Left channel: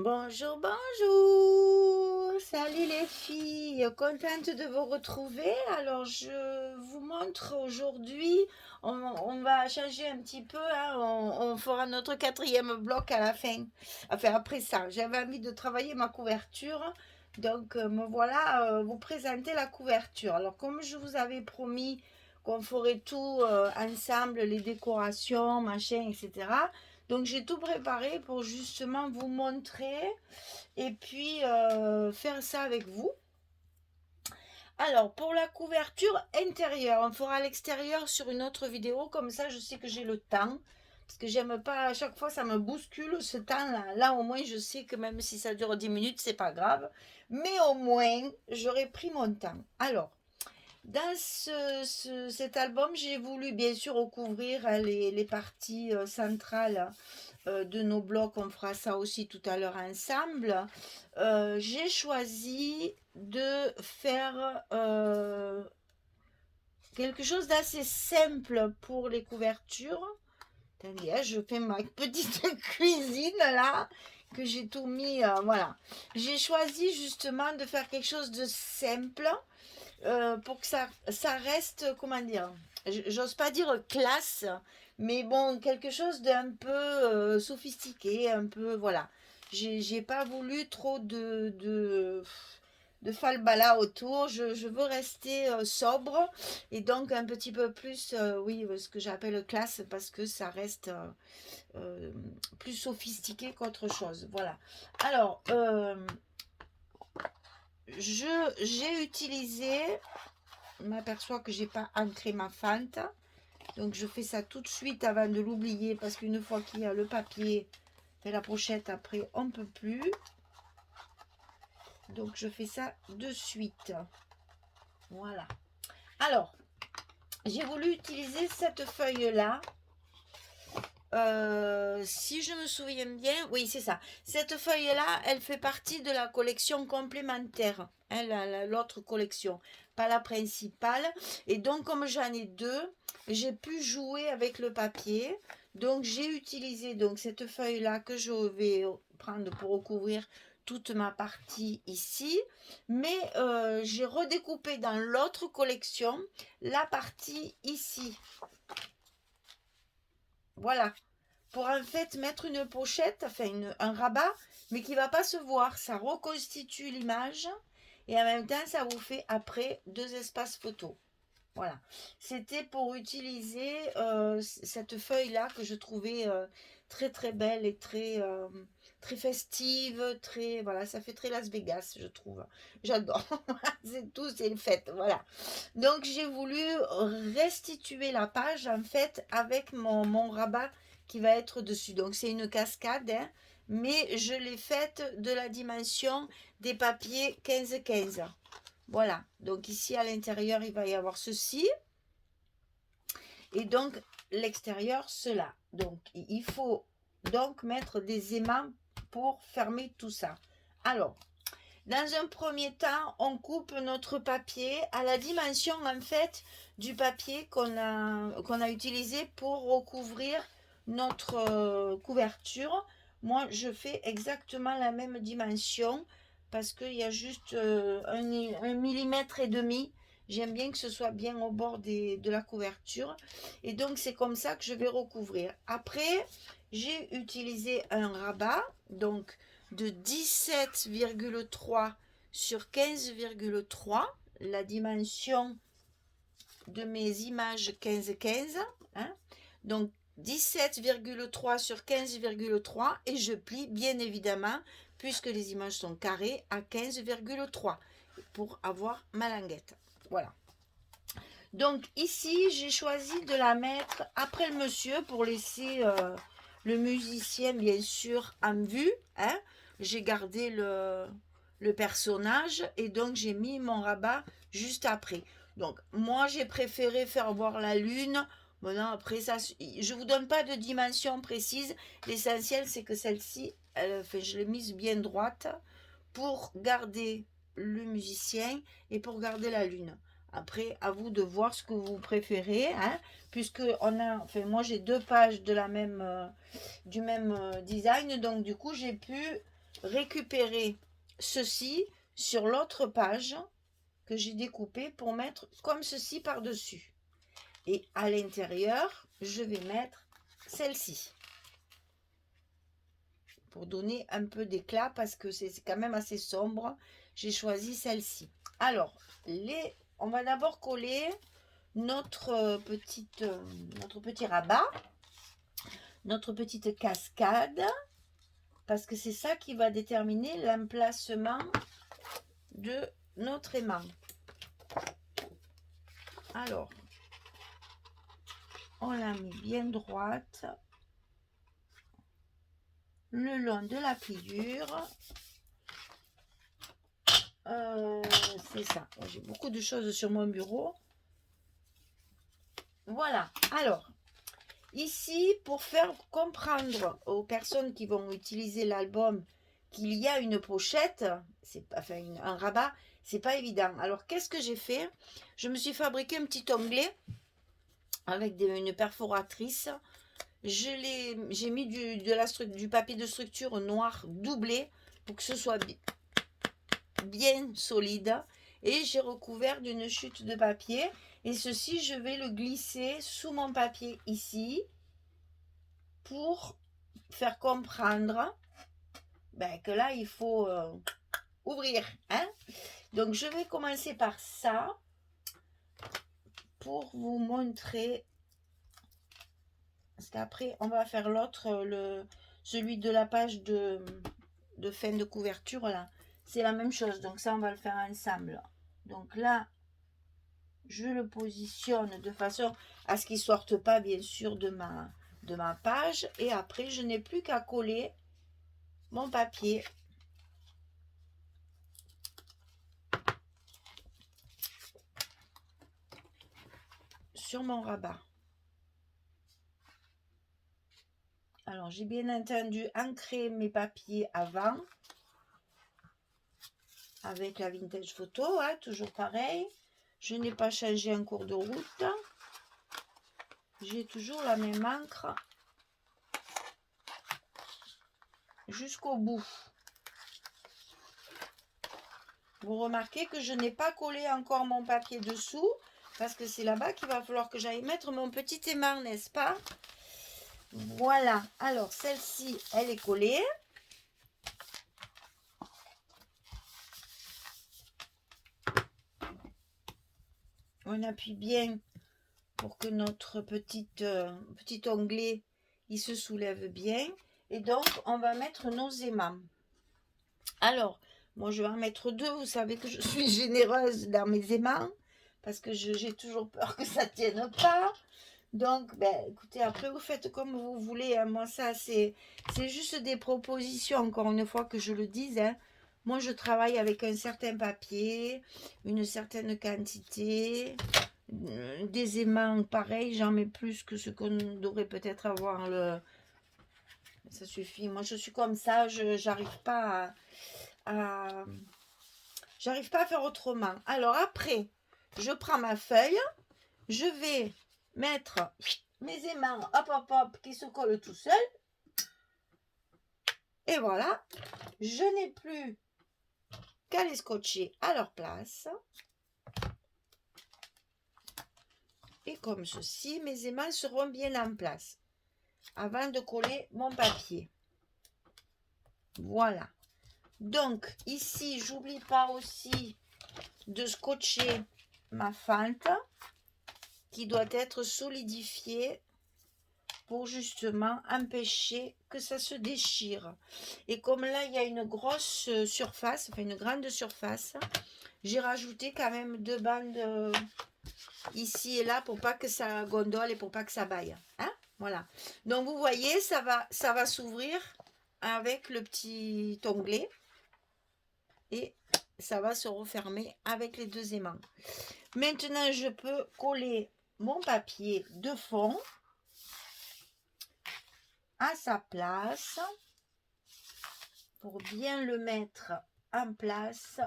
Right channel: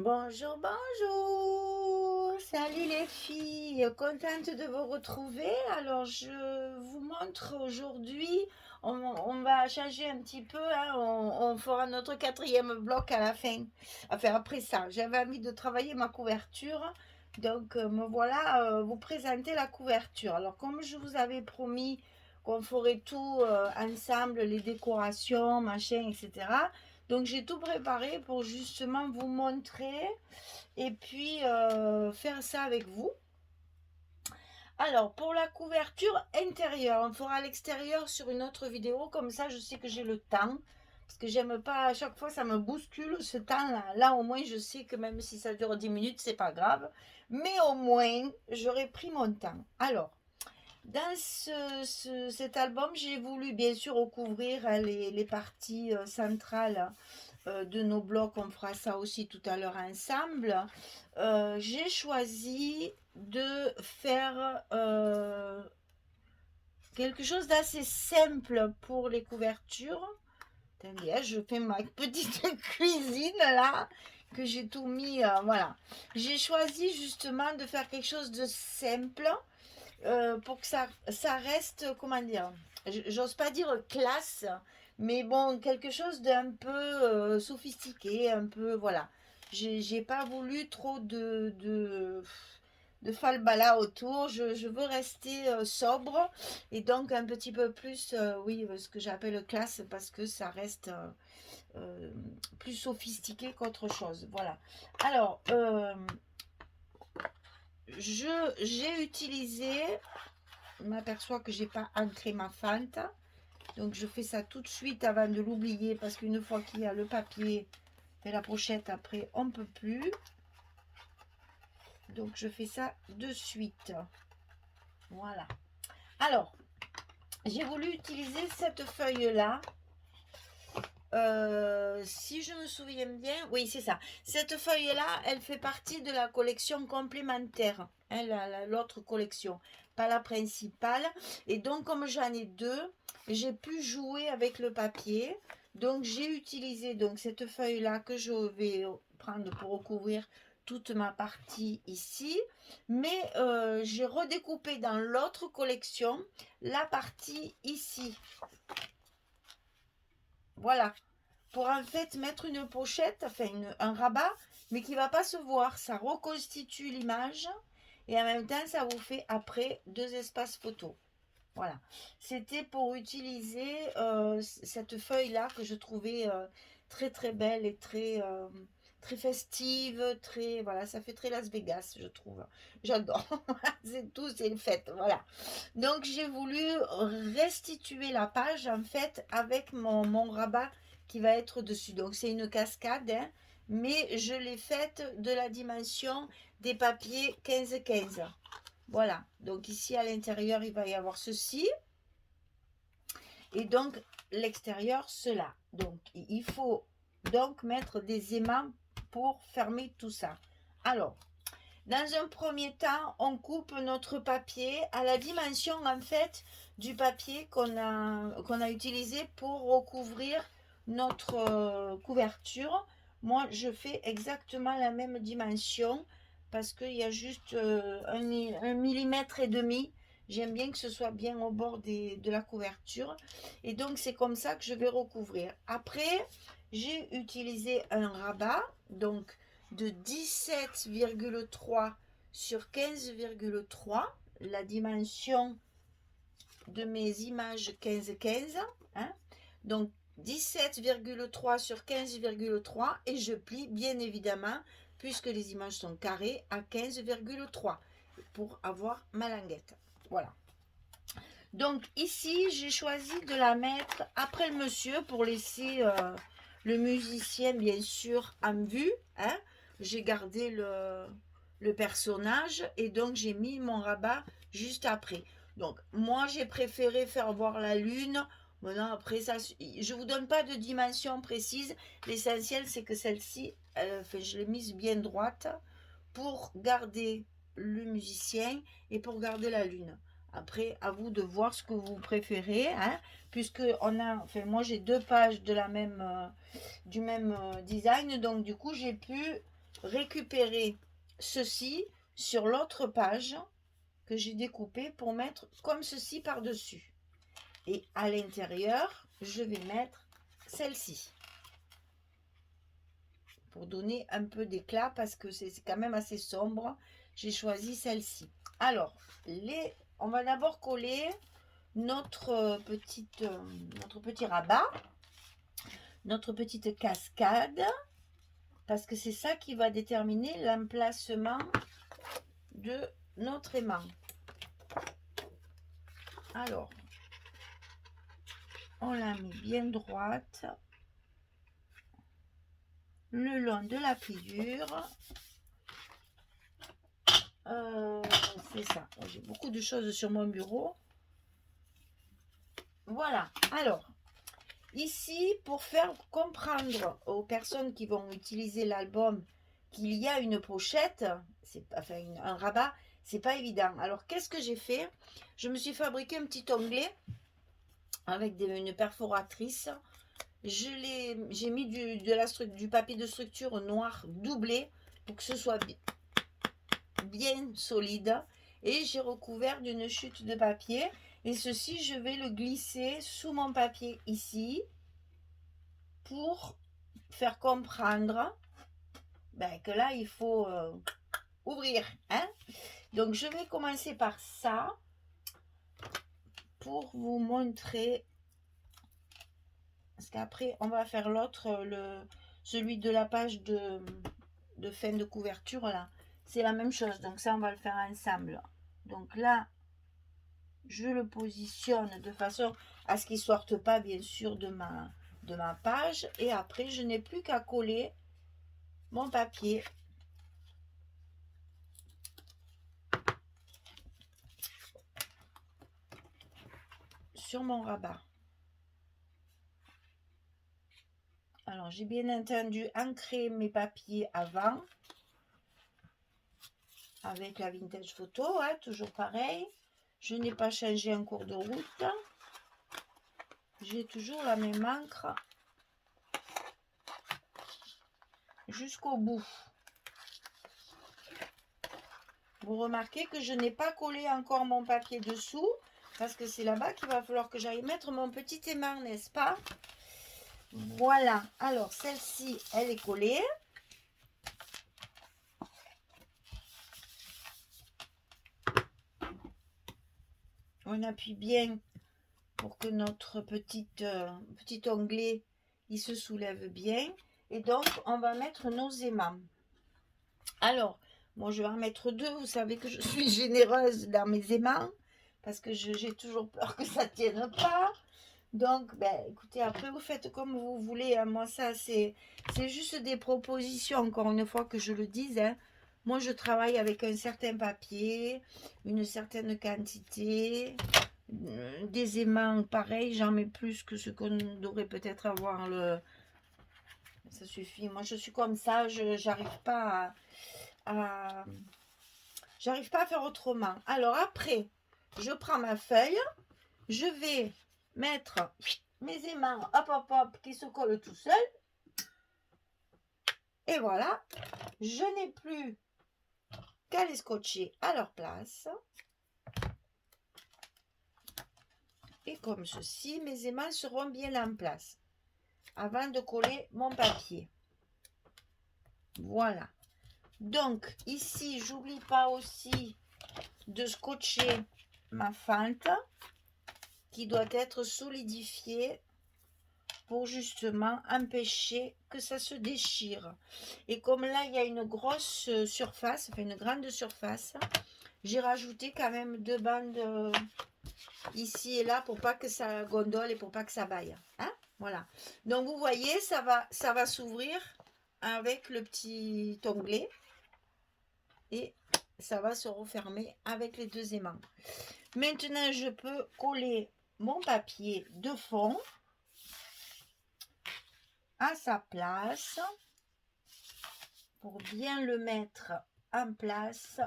Bonjour, bonjour. Salut les filles, contente de vous retrouver. Alors, je vous montre aujourd'hui, on va changer un petit peu, hein, on fera notre quatrième bloc à la fin. Enfin, après ça, j'avais envie de travailler ma couverture. Donc, me voilà vous présenter la couverture. Alors, comme je vous avais promis qu'on ferait tout ensemble, les décorations, machin, etc. Donc j'ai tout préparé pour justement vous montrer et puis faire ça avec vous. Alors pour la couverture intérieure, on fera l'extérieur sur une autre vidéo, comme ça je sais que j'ai le temps. Parce que j'aime pas, à chaque fois ça me bouscule ce temps-là. Là au moins je sais que même si ça dure 10 minutes, c'est pas grave. Mais au moins j'aurai pris mon temps. Alors, dans cet album, j'ai voulu bien sûr recouvrir les parties centrales de nos blocs. On fera ça aussi tout à l'heure ensemble. J'ai choisi de faire quelque chose d'assez simple pour les couvertures. Attendez, hein, je fais ma petite cuisine là, que j'ai tout mis. Voilà. J'ai choisi justement de faire quelque chose de simple pour que ça reste, comment dire, j'ose pas dire classe, mais bon, quelque chose d'un peu sophistiqué, un peu, voilà. J'ai pas voulu trop de falbala autour, je veux rester sobre et donc un petit peu plus, oui, ce que j'appelle classe parce que ça reste euh, plus sophistiqué qu'autre chose, voilà. Alors, j'ai utilisé, je m'aperçois que j'ai pas ancré ma fente, donc je fais ça tout de suite avant de l'oublier parce qu'une fois qu'il y a le papier et la pochette après on peut plus, donc je fais ça de suite. Voilà. Alors j'ai voulu utiliser cette feuille là. Si je me souviens bien, oui, c'est ça. Cette feuille-là, elle fait partie de la collection complémentaire, hein, l'autre collection, pas la principale. Et donc, comme j'en ai deux, j'ai pu jouer avec le papier. Donc, j'ai utilisé donc cette feuille-là que je vais prendre pour recouvrir toute ma partie ici. Mais j'ai redécoupé dans l'autre collection la partie ici. Voilà, pour en fait mettre une pochette, enfin un rabat, mais qui ne va pas se voir. Ça reconstitue l'image et en même temps, ça vous fait après deux espaces photos. Voilà, c'était pour utiliser cette feuille-là que je trouvais très très belle et très festive, très, voilà, ça fait très Las Vegas, je trouve. J'adore, c'est tout, c'est une fête, voilà. Donc j'ai voulu restituer la page en fait avec mon rabat qui va être dessus. Donc c'est une cascade, hein, mais je l'ai faite de la dimension des papiers 15-15. Voilà, donc ici à l'intérieur il va y avoir ceci et donc l'extérieur cela. Donc il faut donc mettre des aimants pour fermer tout ça. Alors, dans un premier temps, on coupe notre papier à la dimension en fait du papier qu'on a utilisé pour recouvrir notre couverture. Moi, je fais exactement la même dimension parce qu'il y a juste un millimètre et demi. J'aime bien que ce soit bien au bord de la couverture. Et donc, c'est comme ça que je vais recouvrir. Après, j'ai utilisé un rabat. Donc, de 17,3 sur 15,3, la dimension de mes images 15-15, hein, donc 17,3 sur 15,3 et je plie bien évidemment puisque les images sont carrées à 15,3 pour avoir ma languette. Voilà. Donc ici, j'ai choisi de la mettre après le monsieur pour laisser le musicien bien sûr en vue, hein. J'ai gardé le personnage et donc j'ai mis mon rabat juste après. Donc moi j'ai préféré faire voir la lune. Maintenant après ça, je vous donne pas de dimension précise. L'essentiel c'est que celle-ci, enfin, je l'ai mise bien droite pour garder le musicien et pour garder la lune. Après, à vous de voir ce que vous préférez, hein, puisque on a, enfin, moi j'ai deux pages de la même, du même design, donc du coup j'ai pu récupérer ceci sur l'autre page que j'ai découpée pour mettre comme ceci par-dessus. Et à l'intérieur, je vais mettre celle-ci. Pour donner un peu d'éclat parce que c'est quand même assez sombre. J'ai choisi celle-ci. Alors, on va d'abord coller notre petit rabat, notre petite cascade, parce que c'est ça qui va déterminer l'emplacement de notre aimant. Alors, on la met bien droite le long de la pliure. C'est ça. J'ai beaucoup de choses sur mon bureau. Voilà. Alors, ici, pour faire comprendre aux personnes qui vont utiliser l'album qu'il y a une pochette, enfin un rabat, c'est pas évident. Alors, qu'est-ce que j'ai fait? Je me suis fabriqué un petit onglet avec une perforatrice. J'ai mis du papier de structure noir doublé pour que ce soit bien solide. Et j'ai recouvert d'une chute de papier. Et ceci, je vais le glisser sous mon papier ici pour faire comprendre que là, il faut ouvrir. Hein? Donc, je vais commencer par ça pour vous montrer. Parce qu'après, on va faire l'autre, celui de la page de fin de couverture, là. C'est la même chose. Donc, ça, on va le faire ensemble. Donc là, je le positionne de façon à ce qu'il ne sorte pas, bien sûr, de ma page. Et après, je n'ai plus qu'à coller mon papier sur mon rabat. Alors, j'ai bien entendu ancré mes papiers avant avec la vintage photo, hein, toujours pareil. Je n'ai pas changé en cours de route. J'ai toujours la même encre jusqu'au bout. Vous remarquez que je n'ai pas collé encore mon papier dessous parce que c'est là-bas qu'il va falloir que j'aille mettre mon petit aimant, n'est-ce pas? Voilà. Alors, celle-ci, elle est collée. On appuie bien pour que notre petit onglet il se soulève bien. Et donc, on va mettre nos aimants. Alors, moi, je vais en mettre deux. Vous savez que je suis généreuse dans mes aimants parce que j'ai toujours peur que ça ne tienne pas. Donc, écoutez, après, vous faites comme vous voulez. Hein. Moi, ça, c'est juste des propositions, encore une fois que je le dise. Hein. Moi, je travaille avec un certain papier, une certaine quantité, des aimants pareil. J'en mets plus que ce qu'on devrait peut-être avoir. Ça suffit. Moi, je suis comme ça. J'arrive pas j'arrive pas à faire autrement. Alors, après, je prends ma feuille. Je vais mettre mes aimants, hop, hop, hop, qui se collent tout seul. Et voilà, je n'ai plus qu'à les scotcher à leur place. Et comme ceci, mes aimants seront bien en place avant de coller mon papier. Voilà. Donc, ici, j'oublie pas aussi de scotcher ma fente qui doit être solidifiée pour justement empêcher que ça se déchire. Et comme là, il y a une grosse surface, enfin une grande surface, j'ai rajouté quand même 2 bandes ici et là pour pas que ça gondole et pour pas que ça baille. Hein? Voilà. Donc, vous voyez, ça va s'ouvrir avec le petit onglet et ça va se refermer avec les 2 aimants. Maintenant, je peux coller mon papier de fond à sa place pour bien le mettre en place.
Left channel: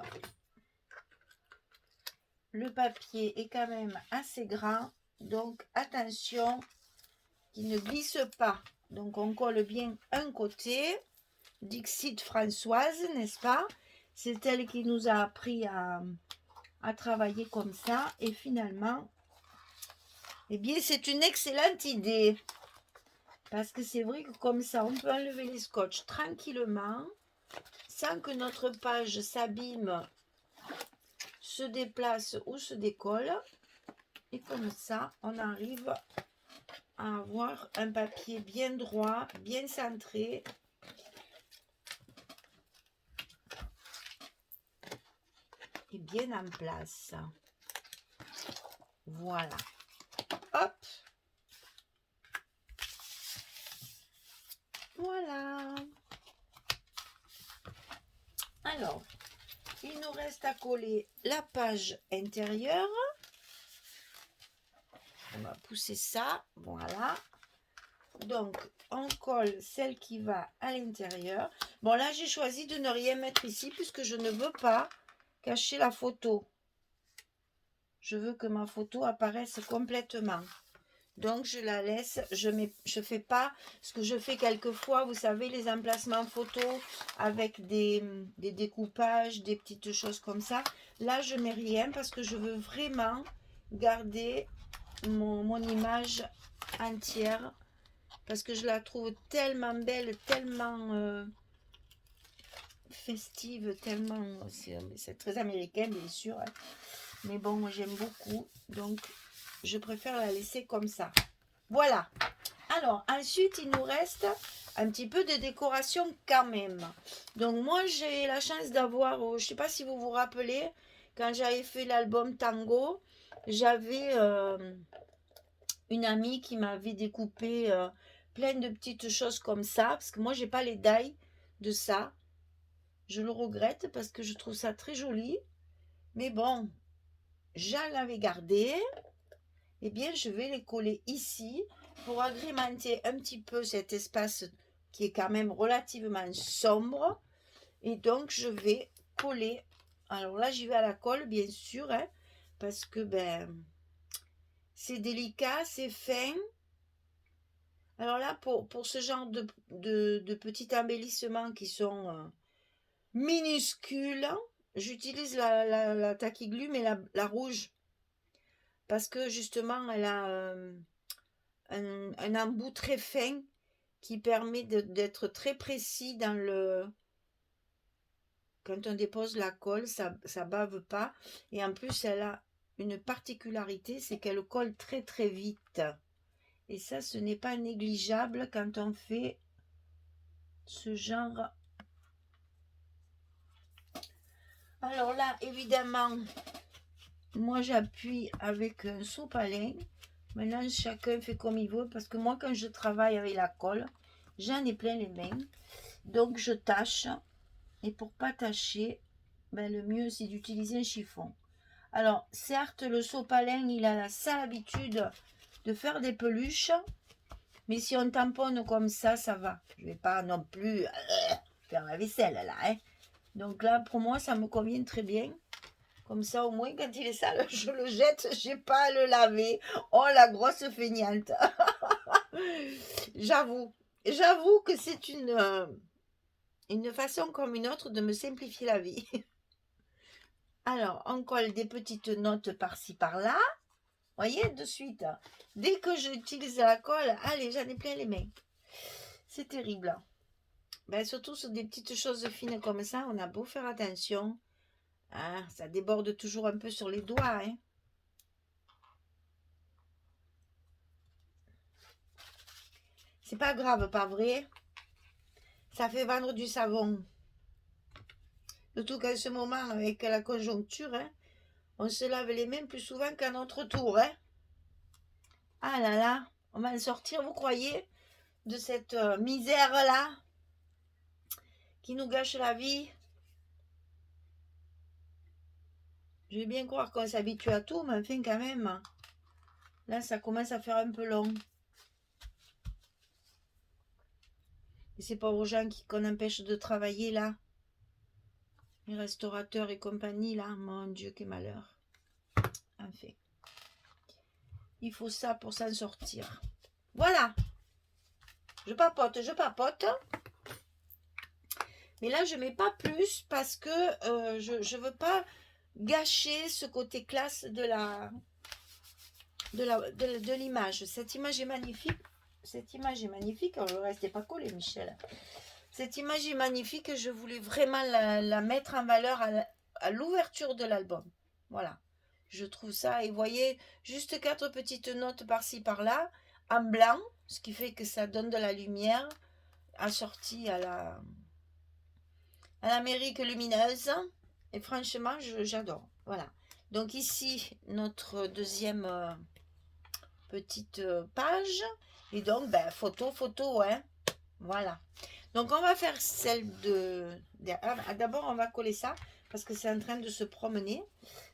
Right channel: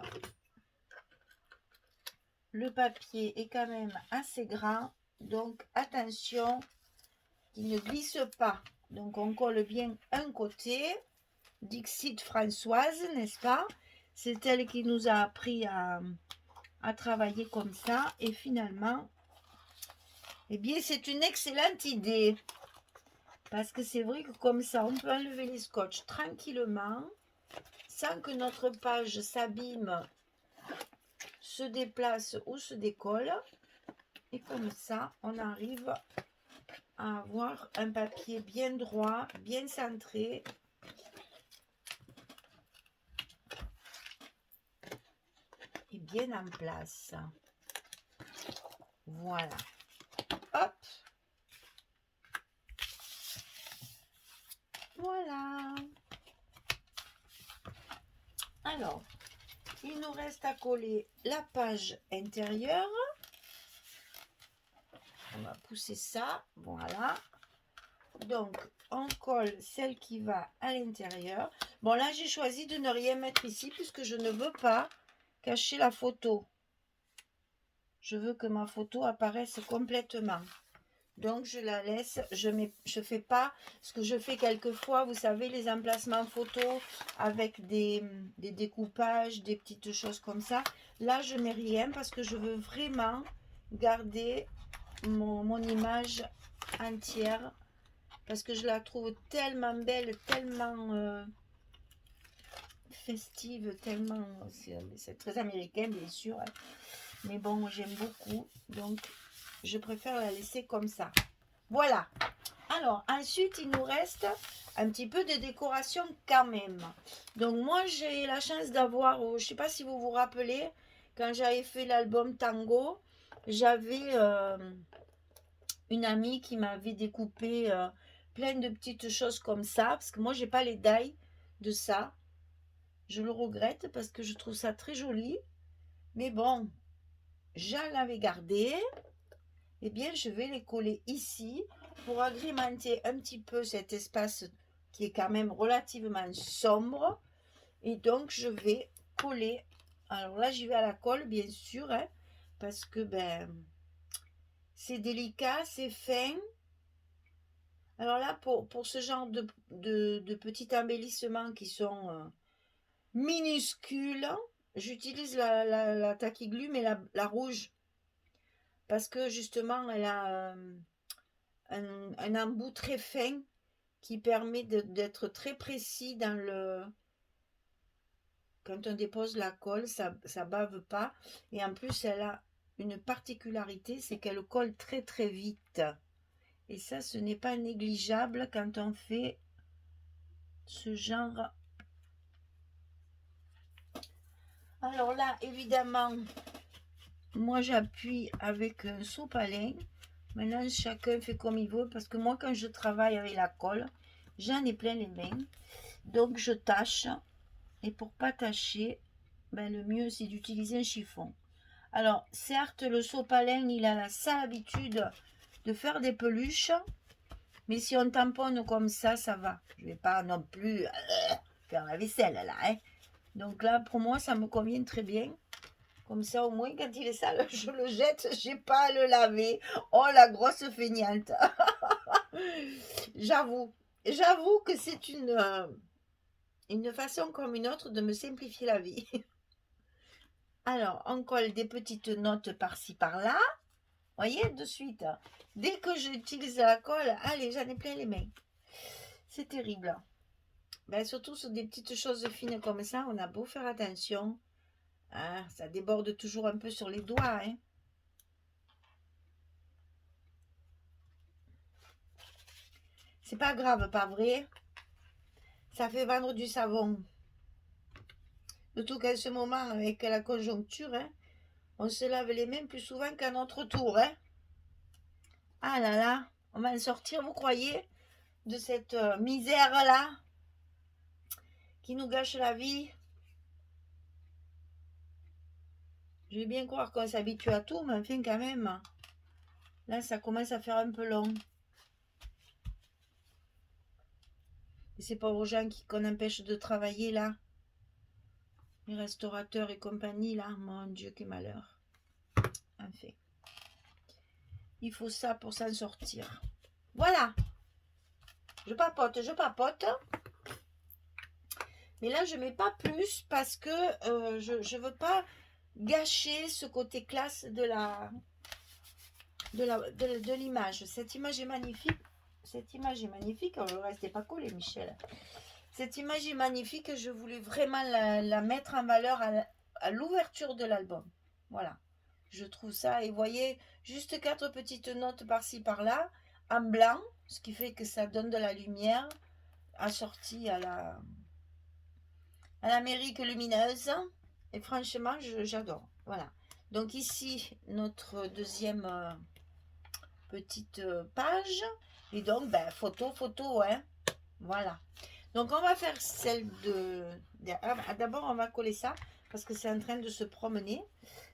Le papier est quand même assez grand, donc attention qu'il ne glisse pas. Donc on colle bien un côté Dixit Françoise, n'est-ce pas? C'est elle qui nous a appris à travailler comme ça. Et finalement, eh bien, c'est une excellente idée. Parce que c'est vrai que comme ça, on peut enlever les scotch tranquillement, sans que notre page s'abîme, se déplace ou se décolle. Et comme ça, on arrive à avoir un papier bien droit, bien centré. Et bien en place. Voilà. Hop. Voilà. Alors, il nous reste à coller la page intérieure. On va pousser ça. Voilà. Donc, on colle celle qui va à l'intérieur. Bon, là, j'ai choisi de ne rien mettre ici puisque je ne veux pas cacher la photo. Je veux que ma photo apparaisse complètement. Donc, je la laisse. Je fais pas ce que je fais quelquefois. Vous savez, les emplacements photos avec des découpages, des petites choses comme ça. Là, je mets rien parce que je veux vraiment garder mon image entière. Parce que je la trouve tellement belle, tellement festive, tellement... C'est très américain, bien sûr. Hein. Mais bon, moi, j'aime beaucoup. Donc, je préfère la laisser comme ça. Voilà. Alors, ensuite, il nous reste un petit peu de décoration quand même. Donc, moi, j'ai la chance d'avoir... je ne sais pas si vous vous rappelez, quand j'avais fait l'album Tango, j'avais une amie qui m'avait découpé... plein de petites choses comme ça, parce que moi j'ai pas les dailles de ça, je le regrette parce que je trouve ça très joli, mais bon, j'en l'avais gardé, et bien je vais les coller ici pour agrémenter un petit peu cet espace qui est quand même relativement sombre, et donc je vais coller. Alors là j'y vais à la colle bien sûr, hein, parce que ben c'est délicat, c'est fin. Alors là, pour ce genre de petits embellissements qui sont minuscules, j'utilise la Tacky-Glue, mais la rouge. Parce que justement, elle a un embout très fin qui permet d'être très précis dans le... Quand on dépose la colle, ça ne bave pas. Et en plus, elle a une particularité, c'est qu'elle colle très très vite. Et ça, ce n'est pas négligeable quand on fait ce genre. Alors là, évidemment, moi j'appuie avec un sopalin. Maintenant, chacun fait comme il veut parce que moi, quand je travaille avec la colle, j'en ai plein les mains. Donc, je tâche. Et pour pas tâcher, ben, le mieux, c'est d'utiliser un chiffon. Alors, certes, le sopalin, il a la sale habitude de faire des peluches. Mais si on tamponne comme ça va. Je vais pas non plus faire la vaisselle là. Hein. Donc là, pour moi, ça me convient très bien. Comme ça, au moins, quand il est sale, je le jette. J'ai pas à le laver. Oh, la grosse feignante. J'avoue. J'avoue que c'est une façon comme une autre de me simplifier la vie. Alors, on colle des petites notes par-ci, par-là. Voyez, de suite. Dès que j'utilise la colle, allez, j'en ai plein les mains. C'est terrible. Ben, surtout sur des petites choses fines comme ça, on a beau faire attention. Ah, ça déborde toujours un peu sur les doigts. Hein. C'est pas grave, pas vrai? Ça fait vendre du savon. Surtout qu'à ce moment, avec la conjoncture, hein, on se lave les mains plus souvent qu'à notre tour. Hein. Ah là là, on va en sortir, vous croyez, de cette misère-là qui nous gâche la vie? Je vais bien croire qu'on s'habitue à tout, mais enfin quand même. Là, ça commence à faire un peu long. Et ces pauvres gens qu'on empêche de travailler là. Les restaurateurs et compagnie là. Mon Dieu, quel malheur. Enfin. Il faut ça pour s'en sortir. Voilà. Je papote, je papote. Mais là, je mets pas plus parce que je veux pas gâcher ce côté classe de l'image. Cette image est magnifique. Cette image est magnifique. Alors, le reste n'est pas collé, Michel. Cette image est magnifique. Je voulais vraiment la mettre en valeur à l'ouverture de l'album. Voilà. Je trouve ça. Et vous voyez, juste 4 petites notes par-ci, par-là, en blanc, ce qui fait que ça donne de la lumière assortie à l'Amérique lumineuse. Et franchement, j'adore. Voilà. Donc ici, notre deuxième petite page. Et donc, ben, photo, hein. Voilà. Donc, on va faire celle d'abord, on va coller ça parce que c'est en train de se promener.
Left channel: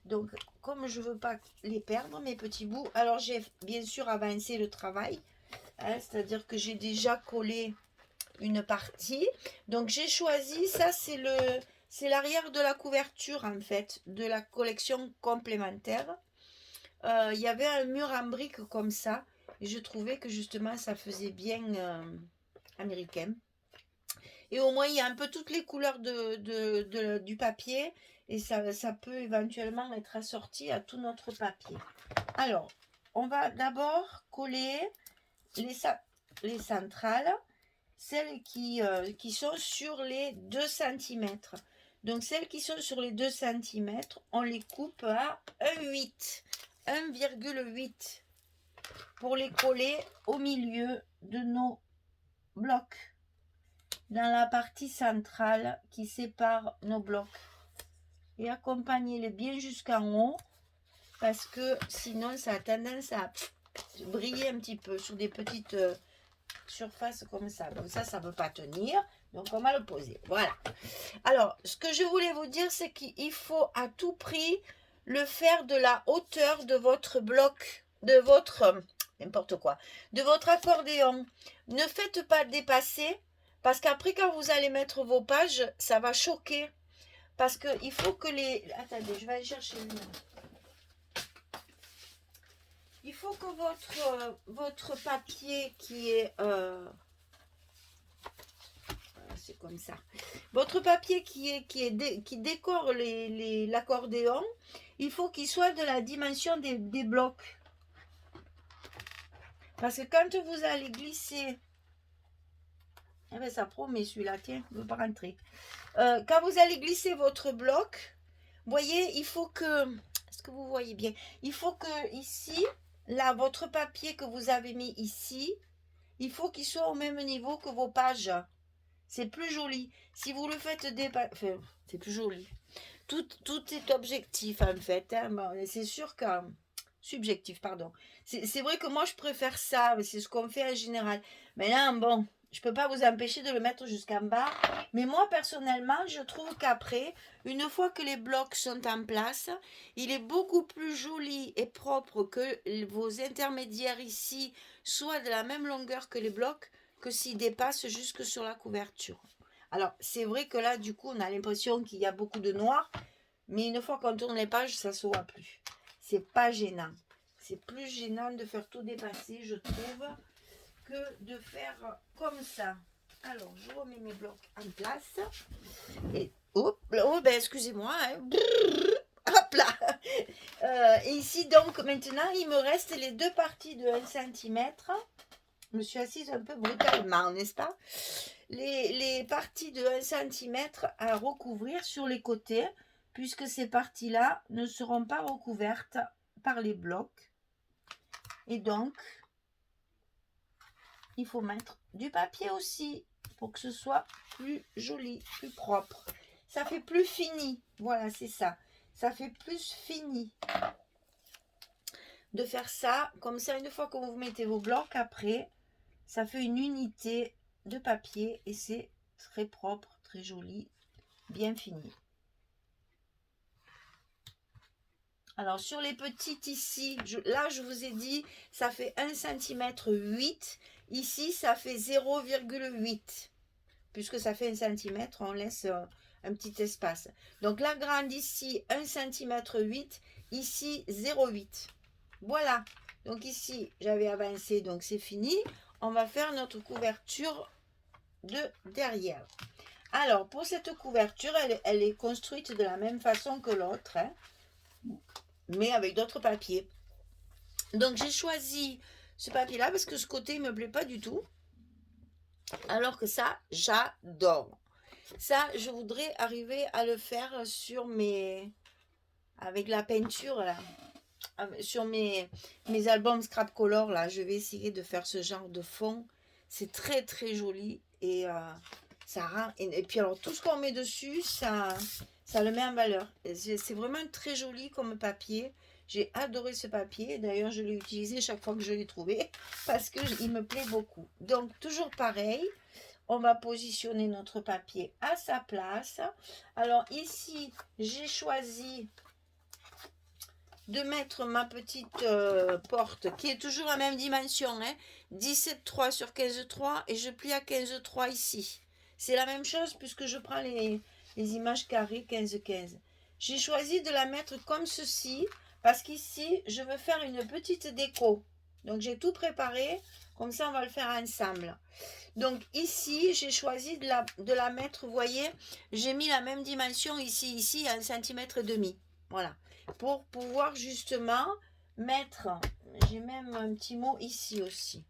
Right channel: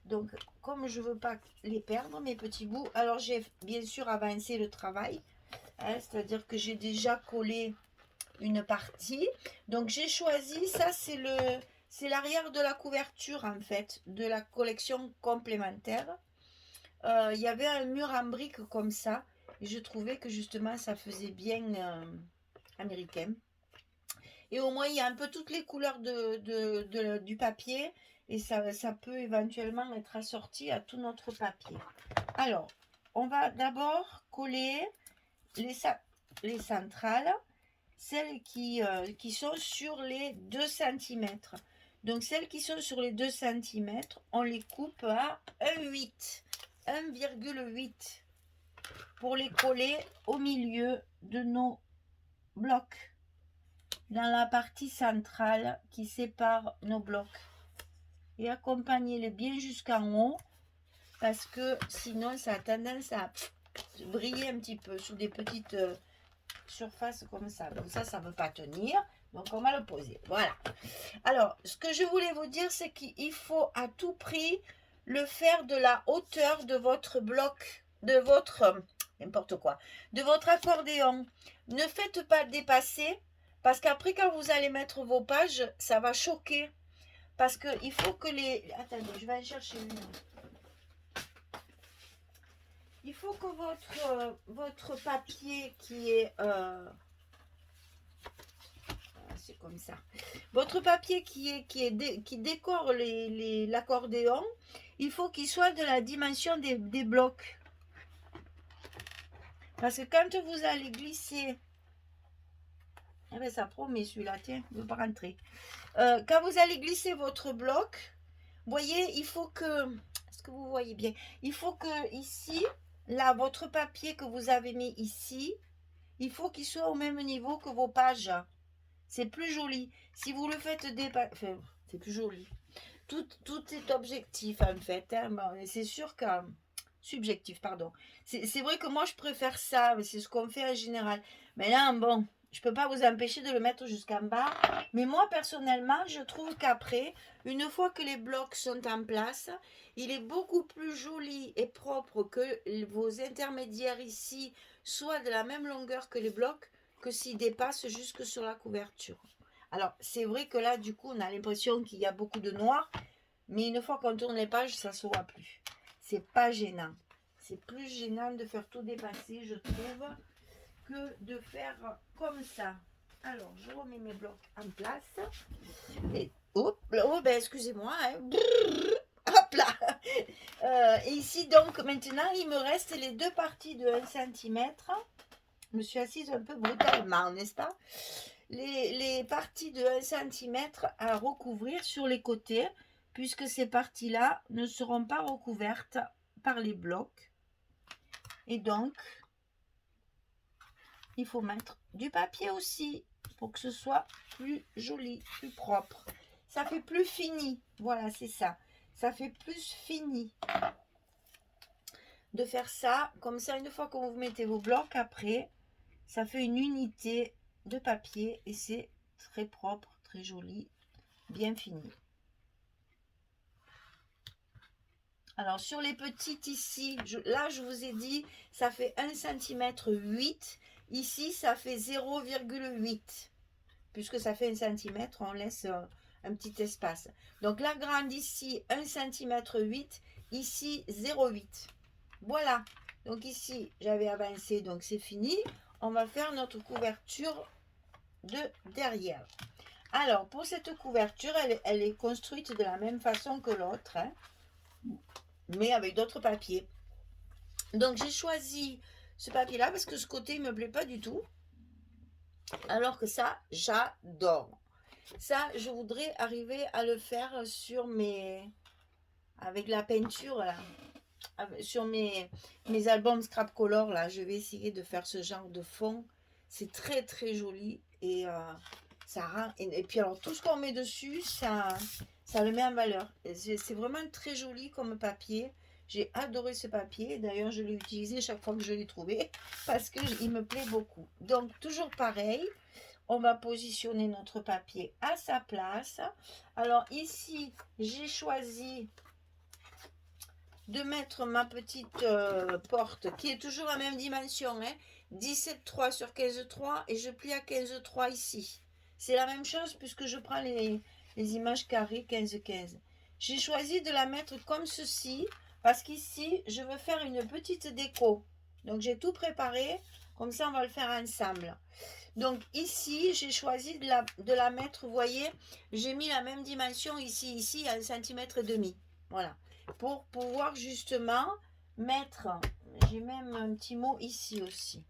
Donc, comme je veux pas les perdre, mes petits bouts, alors j'ai bien sûr avancé le travail. Hein, c'est-à-dire que j'ai déjà collé une partie. Donc, j'ai choisi, ça c'est l'arrière de la couverture en fait, de la collection complémentaire. Il y avait un mur en briques comme ça. Et je trouvais que justement ça faisait bien américain. Et au moins il y a un peu toutes les couleurs du papier. Et ça peut éventuellement être assorti à tout notre papier. Alors, on va d'abord coller les centrales. Celles qui sont sur les 2 cm. Donc celles qui sont sur les 2 cm, on les coupe à 1,8 pour les coller au milieu de nos blocs, dans la partie centrale qui sépare nos blocs. Et accompagnez-les bien jusqu'en haut, parce que sinon ça a tendance à briller un petit peu sur des petites surfaces comme ça. Donc ça ne veut pas tenir. Donc on va le poser. Voilà. Alors, ce que je voulais vous dire, c'est qu'il faut à tout prix le faire de la hauteur de votre bloc, de votre n'importe quoi, de votre accordéon. Ne faites pas dépasser, parce qu'après quand vous allez mettre vos pages, ça va choquer. Parce qu'il faut que les... Attendez, je vais aller chercher une. Il faut que votre papier qui est... c'est comme ça. Votre papier qui décore l'accordéon, il faut qu'il soit de la dimension des blocs. Parce que quand vous allez glisser... Eh bien, ça promet celui-là, tiens, ne veut pas rentrer. Quand vous allez glisser votre bloc, vous voyez, il faut que... Est-ce que vous voyez bien? Il faut que ici, là, votre papier que vous avez mis ici, il faut qu'il soit au même niveau que vos pages. C'est plus joli. Si vous le faites dépasser... Enfin, c'est plus joli. Tout est objectif, en fait. Hein. Bon, c'est sûr que... Subjectif, pardon. C'est vrai que moi, je préfère ça. C'est ce qu'on fait en général. Mais là, bon, je ne peux pas vous empêcher de le mettre jusqu'en bas. Mais moi, personnellement, je trouve qu'après, une fois que les blocs sont en place, il est beaucoup plus joli et propre que vos intermédiaires ici soient de la même longueur que les blocs, que s'ils dépassent jusque sur la couverture. Alors, c'est vrai que là, du coup, on a l'impression qu'il y a beaucoup de noir. Mais une fois qu'on tourne les pages, ça ne se voit plus. C'est pas gênant. C'est plus gênant de faire tout dépasser, je trouve, que de faire comme ça. Alors, je remets mes blocs en place. Et hop, oh, ben excusez-moi. Hein. Hop là. Et ici, donc, maintenant, il me reste les 2 parties de 1 cm. Je me suis assise un peu brutalement, n'est-ce pas? Les parties de 1 cm à recouvrir sur les côtés, puisque ces parties-là ne seront pas recouvertes par les blocs. Et donc, il faut mettre du papier aussi, pour que ce soit plus joli, plus propre. Ça fait plus fini, voilà, c'est ça. Ça fait plus fini de faire ça. Comme ça, une fois que vous mettez vos blocs, après, ça fait une unité de papier et c'est très propre, très joli, bien fini. Alors, sur les petites ici, là, je vous ai dit, ça fait 1 cm 8. Ici, ça fait 0,8. Puisque ça fait 1 cm, on laisse un petit espace. Donc, la grande ici, 1 cm 8. Ici, 0,8. Voilà. Donc, ici, j'avais avancé, donc c'est fini. On va faire notre couverture de derrière. Alors, pour cette couverture, elle est construite de la même façon que l'autre, hein, mais avec d'autres papiers. Donc, j'ai choisi ce papier-là parce que ce côté, il ne me plaît pas du tout. Alors que ça, j'adore. Ça, je voudrais arriver à le faire sur mes... avec la peinture, là. Sur mes albums Scrap Color, là. Je vais essayer de faire ce genre de fond. C'est très, très joli. Et ça rend... Et puis, alors, tout ce qu'on met dessus, ça le met en valeur. C'est vraiment très joli comme papier. J'ai adoré ce papier. D'ailleurs, je l'ai utilisé chaque fois que je l'ai trouvé parce qu'il me plaît beaucoup. Donc, toujours pareil. On va positionner notre papier à sa place. Alors ici, j'ai choisi de mettre ma petite porte qui est toujours la même dimension, hein, 17,3 sur 15,3 et je plie à 15,3 ici. C'est la même chose puisque je prends les images carrées 15,15. J'ai choisi de la mettre comme ceci parce qu'ici, je veux faire une petite déco. Donc j'ai tout préparé, comme ça on va le faire ensemble. Donc ici, j'ai choisi de la mettre, vous voyez, j'ai mis la même dimension ici, 1,5 cm. Voilà. Pour pouvoir justement mettre, j'ai même un petit mot ici aussi.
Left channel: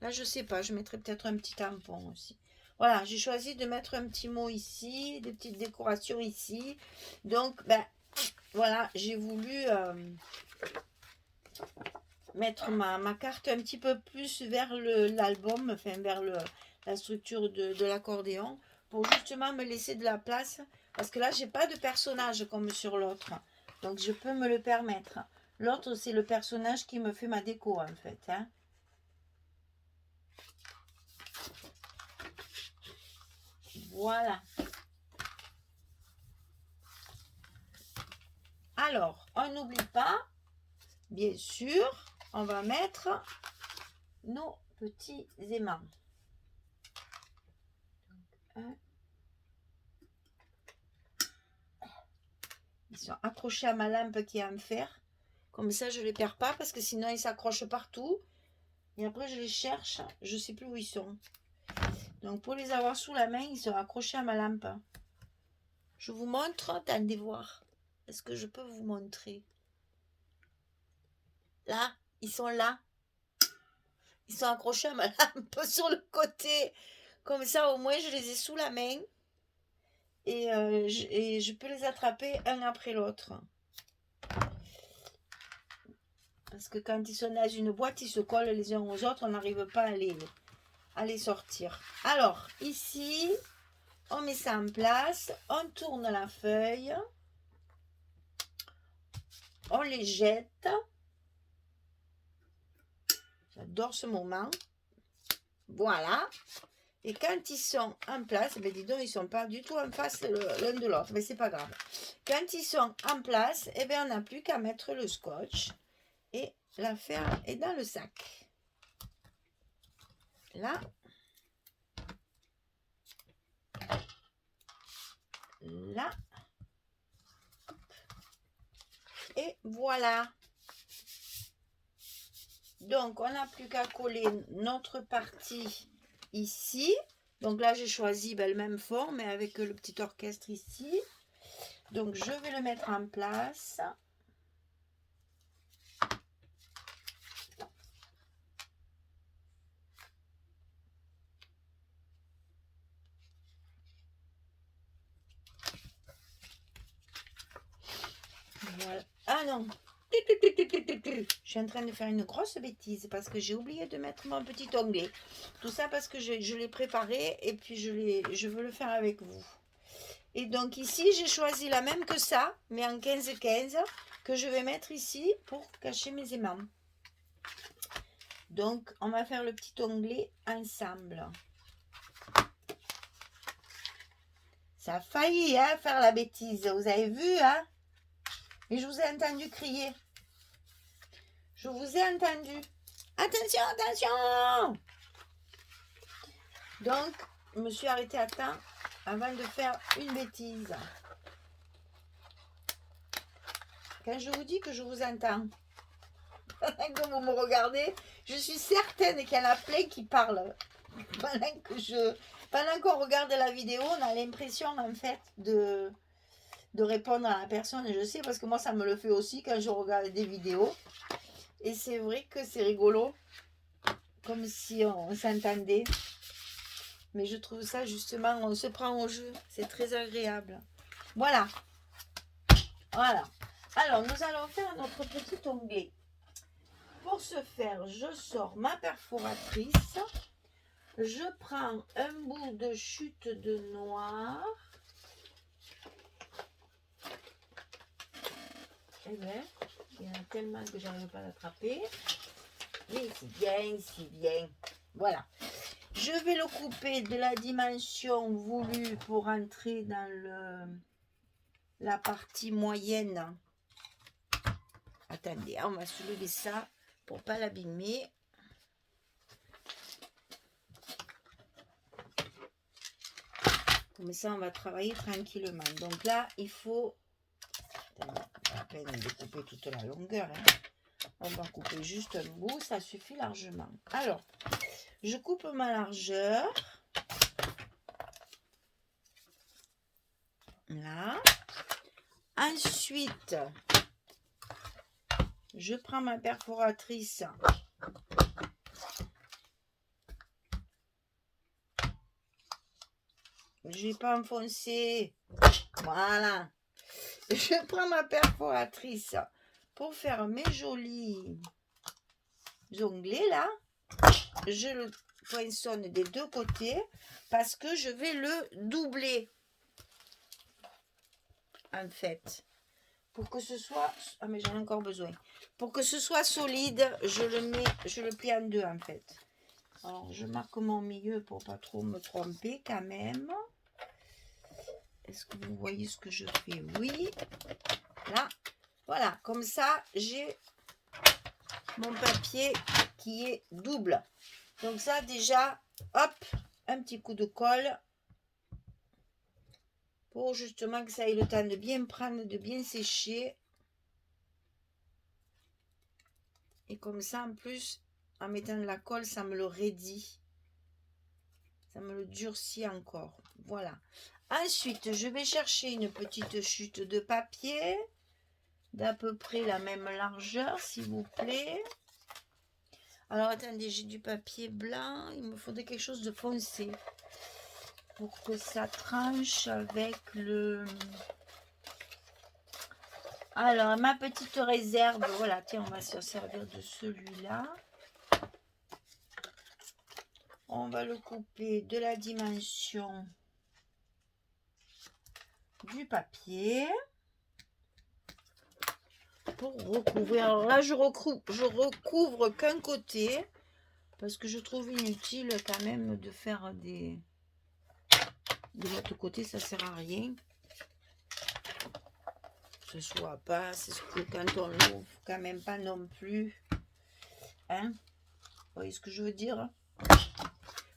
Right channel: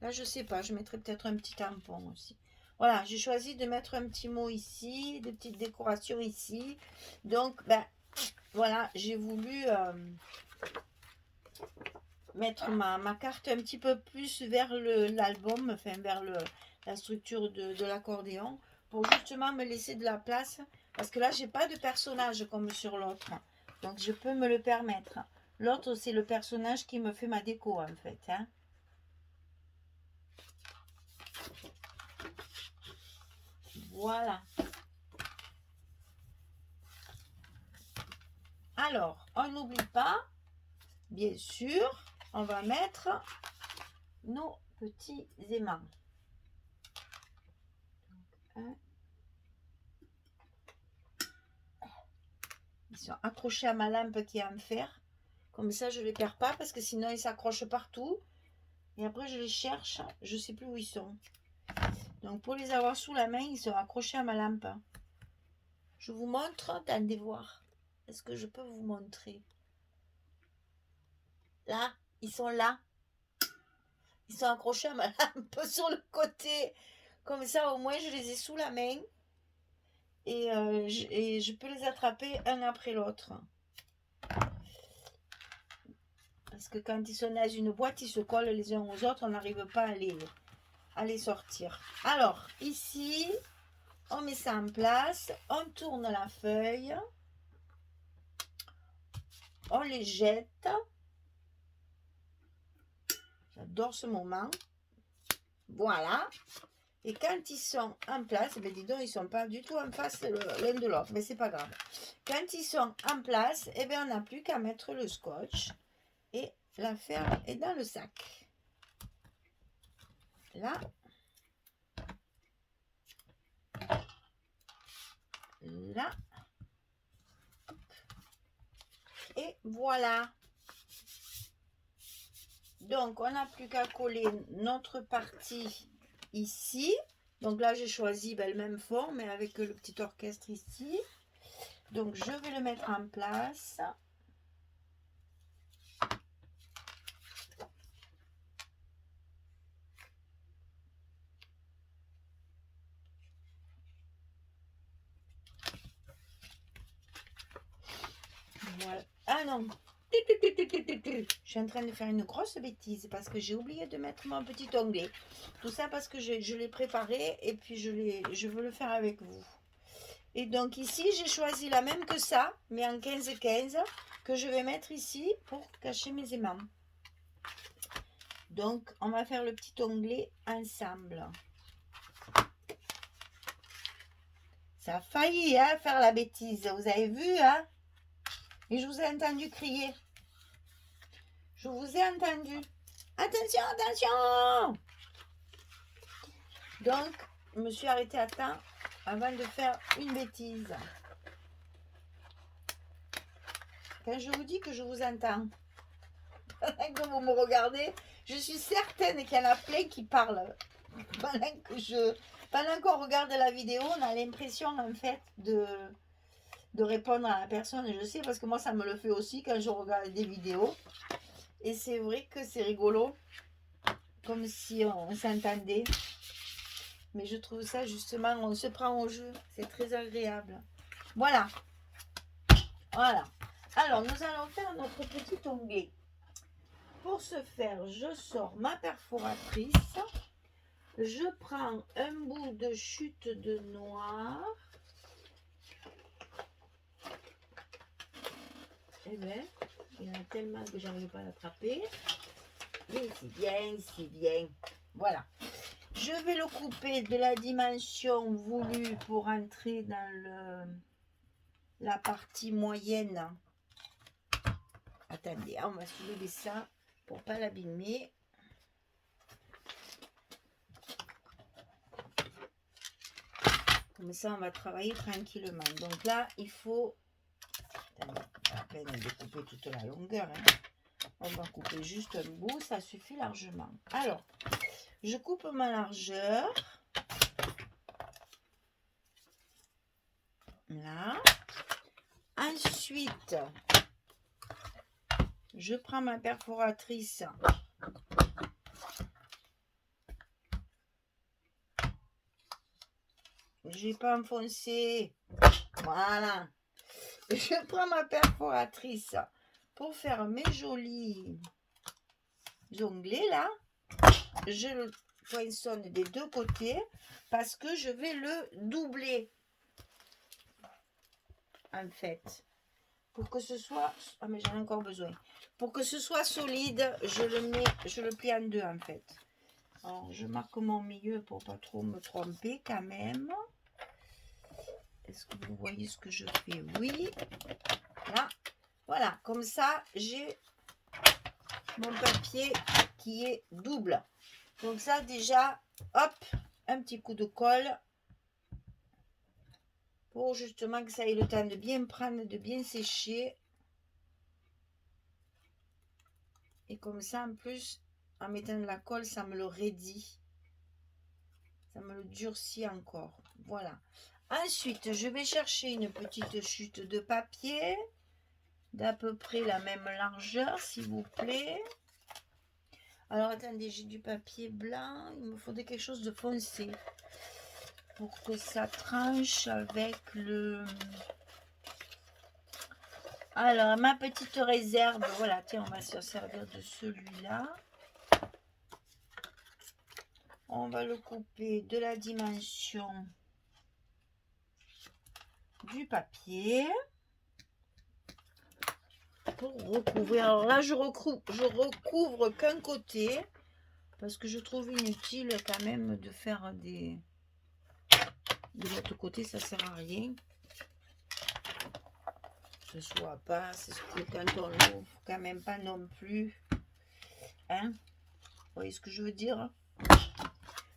Là, je sais pas, je mettrai peut-être un petit tampon aussi. Voilà, j'ai choisi de mettre un petit mot ici, des petites décorations ici. Donc, ben, voilà, j'ai voulu mettre ma carte un petit peu plus vers l'album, enfin vers la structure de l'accordéon, pour justement me laisser de la place, parce que là j'ai pas de personnage comme sur l'autre, donc je peux me le permettre. L'autre c'est le personnage qui me fait ma déco en fait, hein. Voilà. Alors, on n'oublie pas, bien sûr, on va mettre nos petits aimants. Donc, ils sont accrochés à ma lampe qui est en fer. Comme ça, je ne les perds pas parce que sinon, ils s'accrochent partout. Et après, je les cherche. Je ne sais plus où ils sont. Donc, pour les avoir sous la main, ils sont accrochés à ma lampe. Je vous montre. Attendez voir. Est-ce que je peux vous montrer? Là, ils sont là. Ils sont accrochés à ma lampe sur le côté. Comme ça, au moins, je les ai sous la main. Et je peux les attraper un après l'autre. Parce que quand ils sont dans une boîte, ils se collent les uns aux autres. On n'arrive pas à les sortir. Alors, ici, on met ça en place. On tourne la feuille. On les jette. J'adore ce moment. Voilà. Et quand ils sont en place, ben dis donc, ils ne sont pas du tout en face l'un de l'autre. Mais c'est pas grave. Quand ils sont en place, eh bien, on n'a plus qu'à mettre le scotch. Et l'affaire est dans le sac. Là. Là. Et voilà. Donc, on n'a plus qu'à coller notre partie ici. Donc là, j'ai choisi le même fond, mais avec le petit orchestre ici. Donc, je vais le mettre en place. Voilà. Ah non, je suis en train de faire une grosse bêtise parce que j'ai oublié de mettre mon petit onglet. Tout ça parce que je l'ai préparé et puis je veux le faire avec vous. Et donc ici, j'ai choisi la même que ça, mais en 15-15, que je vais mettre ici pour cacher mes aimants. Donc, on va faire le petit onglet ensemble. Ça a failli faire la bêtise, vous avez vu, hein? Et je vous ai entendu crier. Je vous ai entendu. Attention, attention! Donc, je me suis arrêtée à temps avant de faire une bêtise. Quand je vous dis que je vous entends, quand vous me regardez, je suis certaine qu'il y en a plein qui parlent pendant que Pendant qu'on regarde la vidéo, on a l'impression en fait de répondre à la personne. Et je sais parce que moi ça me le fait aussi quand je regarde des vidéos. Et c'est vrai que c'est rigolo. Comme si on s'entendait. Mais je trouve ça justement, on se prend au jeu. C'est très agréable. Voilà. Voilà. Alors, nous allons faire notre petit onglet. Pour ce faire, je sors ma perforatrice. Je prends un bout de chute de noir. Eh bien, il y en a tellement que j'arrive pas à l'attraper. Mais c'est bien. Voilà. Je vais le couper de la dimension voulue pour entrer dans la partie moyenne. Attendez, on va soulever ça pour pas l'abîmer. Comme ça, on va travailler tranquillement. Donc là, il faut... Attendez, pas la peine de couper toute la longueur. Hein. On va couper juste un bout, ça suffit largement. Alors, je coupe ma largeur. Là. Ensuite, je prends ma perforatrice. Je vais pas enfoncer. Voilà. Je prends ma perforatrice pour faire mes jolis onglets là. Je le poinçonne des deux côtés parce que je vais le doubler. En fait, pour que ce soit... Ah mais j'en ai encore besoin. Pour que ce soit solide, je le plie en deux en fait. Alors je marque mon milieu pour pas trop me tromper quand même. Est-ce que vous voyez ce que je fais? Oui. Là. Voilà, comme ça, j'ai mon papier qui est double. Donc ça déjà, hop, un petit coup de colle. Pour justement que ça ait le temps de bien prendre, de bien sécher. Et comme ça, en plus, en mettant de la colle, ça me le raidit. Ça me le durcit encore. Voilà. Ensuite, je vais chercher une petite chute de papier. D'à peu près la même largeur, s'il vous plaît. Alors, attendez, j'ai du papier blanc. Il me faudrait quelque chose de foncé. Pour que ça tranche avec le... Alors, ma petite réserve, voilà, tiens, on va se servir de celui-là. On va le couper de la dimension du papier. Pour recouvrir. Alors là, je recouvre qu'un côté. Parce que je trouve inutile quand même de faire des... De l'autre côté, ça sert à rien. Ce soit pas, c'est ce que quand on l'ouvre, quand même pas non plus. Hein? Vous voyez ce que je veux dire?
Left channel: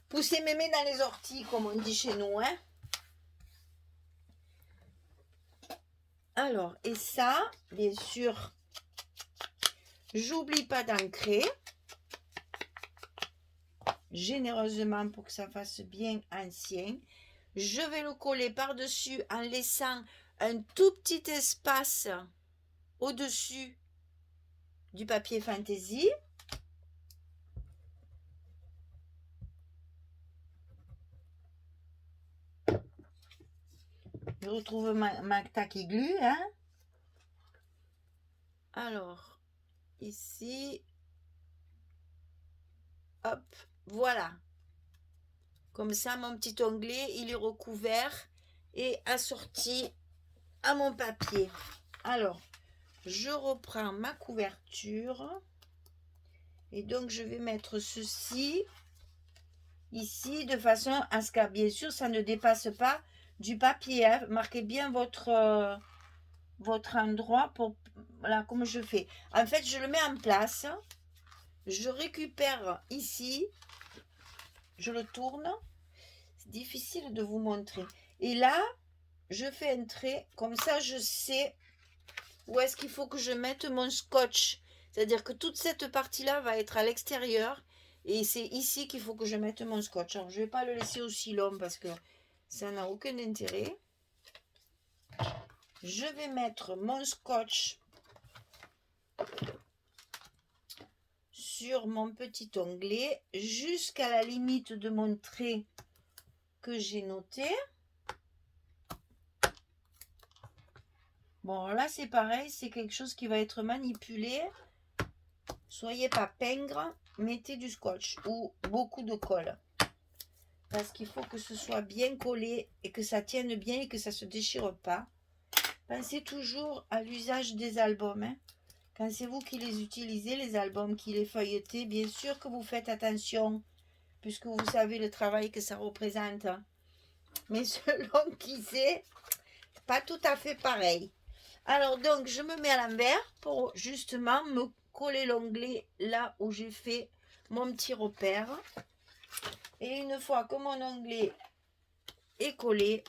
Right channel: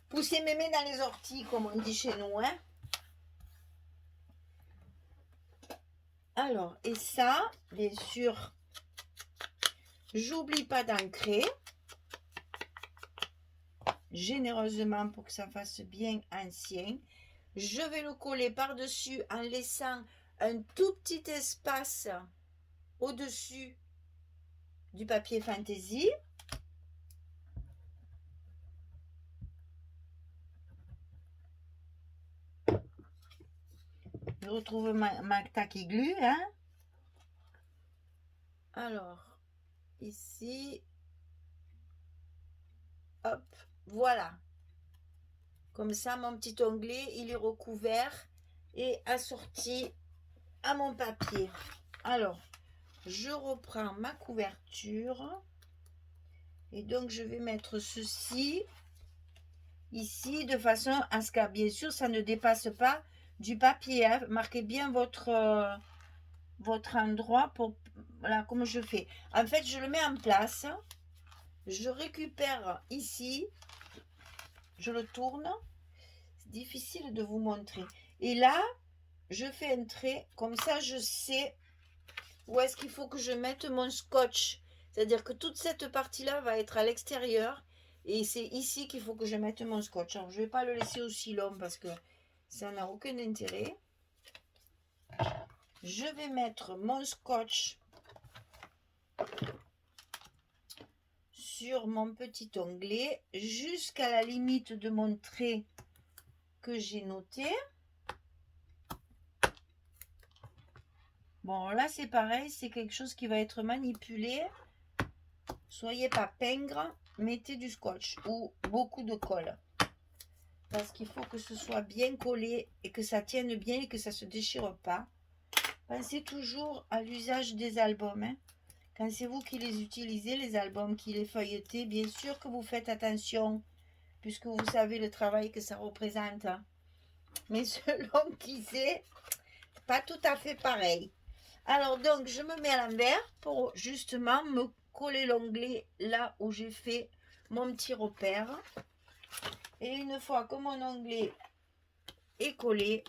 Pousser mémé dans les orties, comme on dit chez nous. Hein? Alors, et ça, bien sûr, j'oublie pas d'ancrer. Généreusement pour que ça fasse bien ancien. Je vais le coller par-dessus en laissant un tout petit espace au-dessus du papier fantaisie. Je retrouve ma taque aiguë. Hein? Alors, ici, hop, voilà. Comme ça, mon petit onglet, il est recouvert et assorti à mon papier. Alors, je reprends ma couverture. Et donc, je vais mettre ceci ici de façon à ce que, bien sûr, ça ne dépasse pas du papier. Hein. Marquez bien votre endroit pour... Voilà, comme je fais. En fait, je le mets en place. Je récupère ici. Je le tourne. C'est difficile de vous montrer. Et là, je fais un trait. Comme ça, je sais où est-ce qu'il faut que je mette mon scotch. C'est-à-dire que toute cette partie-là va être à l'extérieur. Et c'est ici qu'il faut que je mette mon scotch. Alors, je ne vais pas le laisser aussi long parce que ça n'a aucun intérêt. Je vais mettre mon scotch sur mon petit onglet jusqu'à la limite de mon trait que j'ai noté. Bon, là, c'est pareil, c'est quelque chose qui va être manipulé. Soyez pas pingre, mettez du scotch ou beaucoup de colle. Parce qu'il faut que ce soit bien collé et que ça tienne bien et que ça ne se déchire pas. Pensez toujours à l'usage des albums. Hein. Quand c'est vous qui les utilisez, les albums, qui les feuilletez, bien sûr que vous faites attention, puisque vous savez le travail que ça représente. Mais selon qui c'est, pas tout à fait pareil. Alors donc, je me mets à l'envers pour justement me coller l'onglet là où j'ai fait mon petit repère. Et une fois que mon onglet est collé,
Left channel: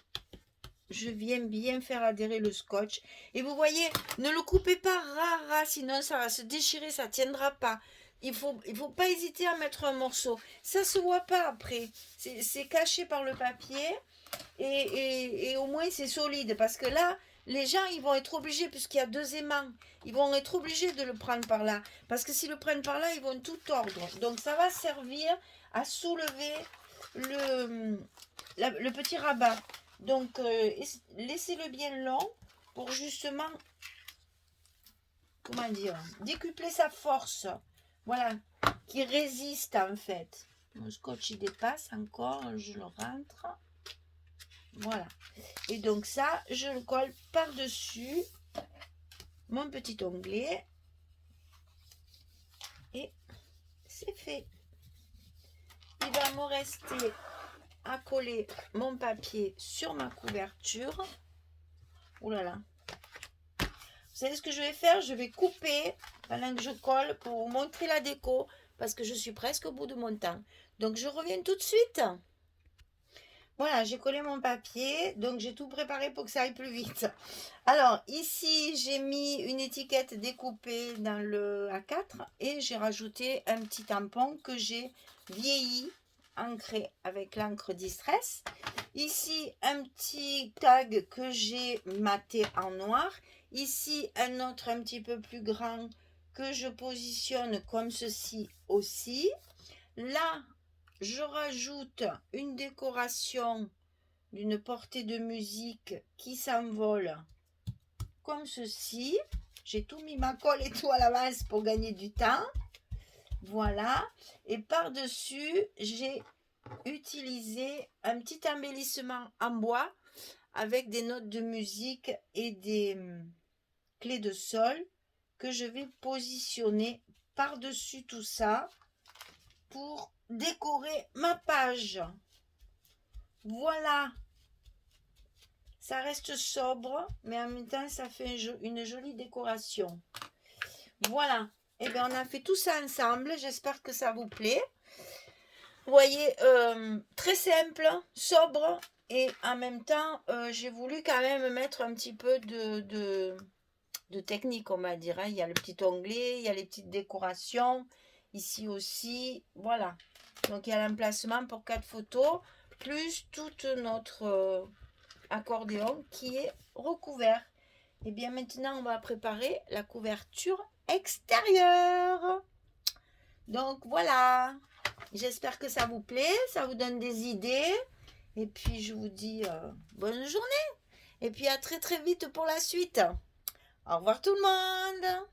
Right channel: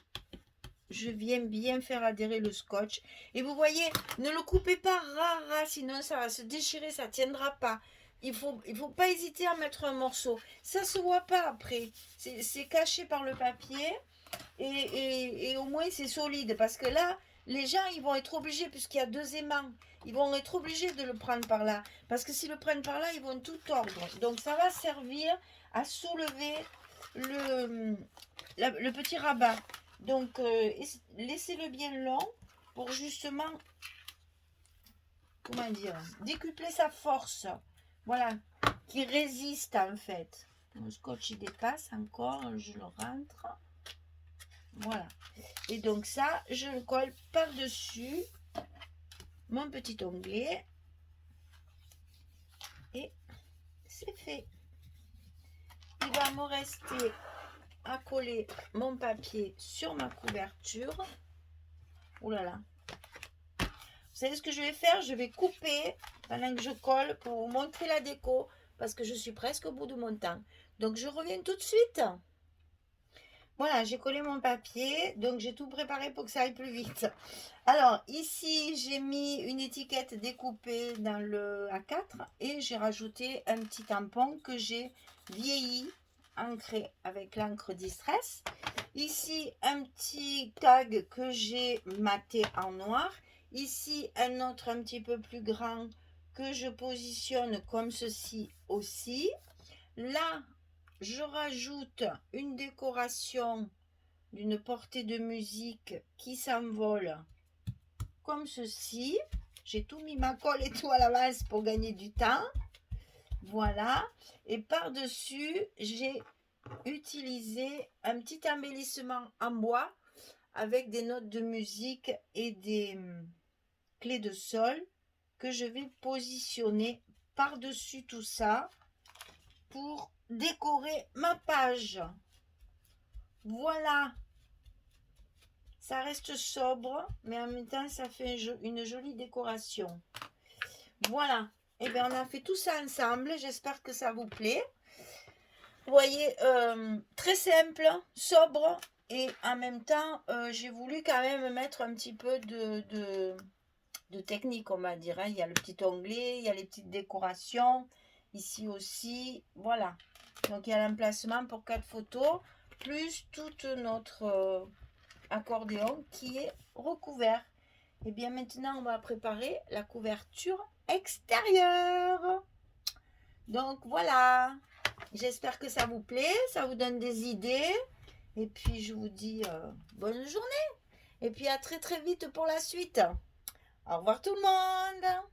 je viens bien faire adhérer le scotch. Et vous voyez, ne le coupez pas ras, sinon ça va se déchirer, ça ne tiendra pas. Il faut pas hésiter à mettre un morceau. Ça ne se voit pas après. C'est caché par le papier. Et au moins c'est solide. Parce que là, les gens, ils vont être obligés, puisqu'il y a 2 aimants, ils vont être obligés de le prendre par là. Parce que s'ils le prennent par là, ils vont tout tordre. Donc ça va servir à soulever le petit rabat. Donc, laissez-le bien long pour justement, comment dire, décupler sa force. Voilà, qui résiste en fait. Mon scotch, il dépasse encore, je le rentre. Voilà. Et donc ça, je le colle par-dessus mon petit onglet. Et c'est fait. Il va me rester à coller mon papier sur ma couverture. Ouh là là. Vous savez ce que je vais faire? Je vais couper pendant que je colle pour vous montrer la déco parce que je suis presque au bout de mon temps. Donc je reviens tout de suite. Voilà, j'ai collé mon papier, donc j'ai tout préparé pour que ça aille plus vite. Alors ici, j'ai mis une étiquette découpée dans le A4 et j'ai rajouté un petit tampon que j'ai vieilli, ancré avec l'encre Distress. Ici, un petit tag que j'ai maté en noir. Ici, un autre un petit peu plus grand que je positionne comme ceci aussi. Là, je rajoute une décoration d'une portée de musique qui s'envole comme ceci. J'ai tout mis ma colle et tout à l'avance pour gagner du temps. Voilà. Et par-dessus, j'ai utilisé un petit embellissement en bois avec des notes de musique et des clés de sol que je vais positionner par-dessus tout ça pour décorer ma page. Voilà, ça reste sobre, mais en même temps, ça fait une jolie décoration. Voilà, et bien on a fait tout ça ensemble. J'espère que ça vous plaît. Vous voyez, très simple, sobre, et en même temps, j'ai voulu quand même mettre un petit peu de technique, on va dire. Hein. Il y a le petit onglet, il y a les petites décorations, ici aussi, voilà. Donc il y a l'emplacement pour 4 photos, plus tout notre accordéon qui est recouvert. Et bien maintenant, on va préparer la couverture extérieure. Donc voilà, j'espère que ça vous plaît, ça vous donne des idées. Et puis je vous dis bonne journée. Et puis à très très vite pour la suite. Au revoir tout le monde.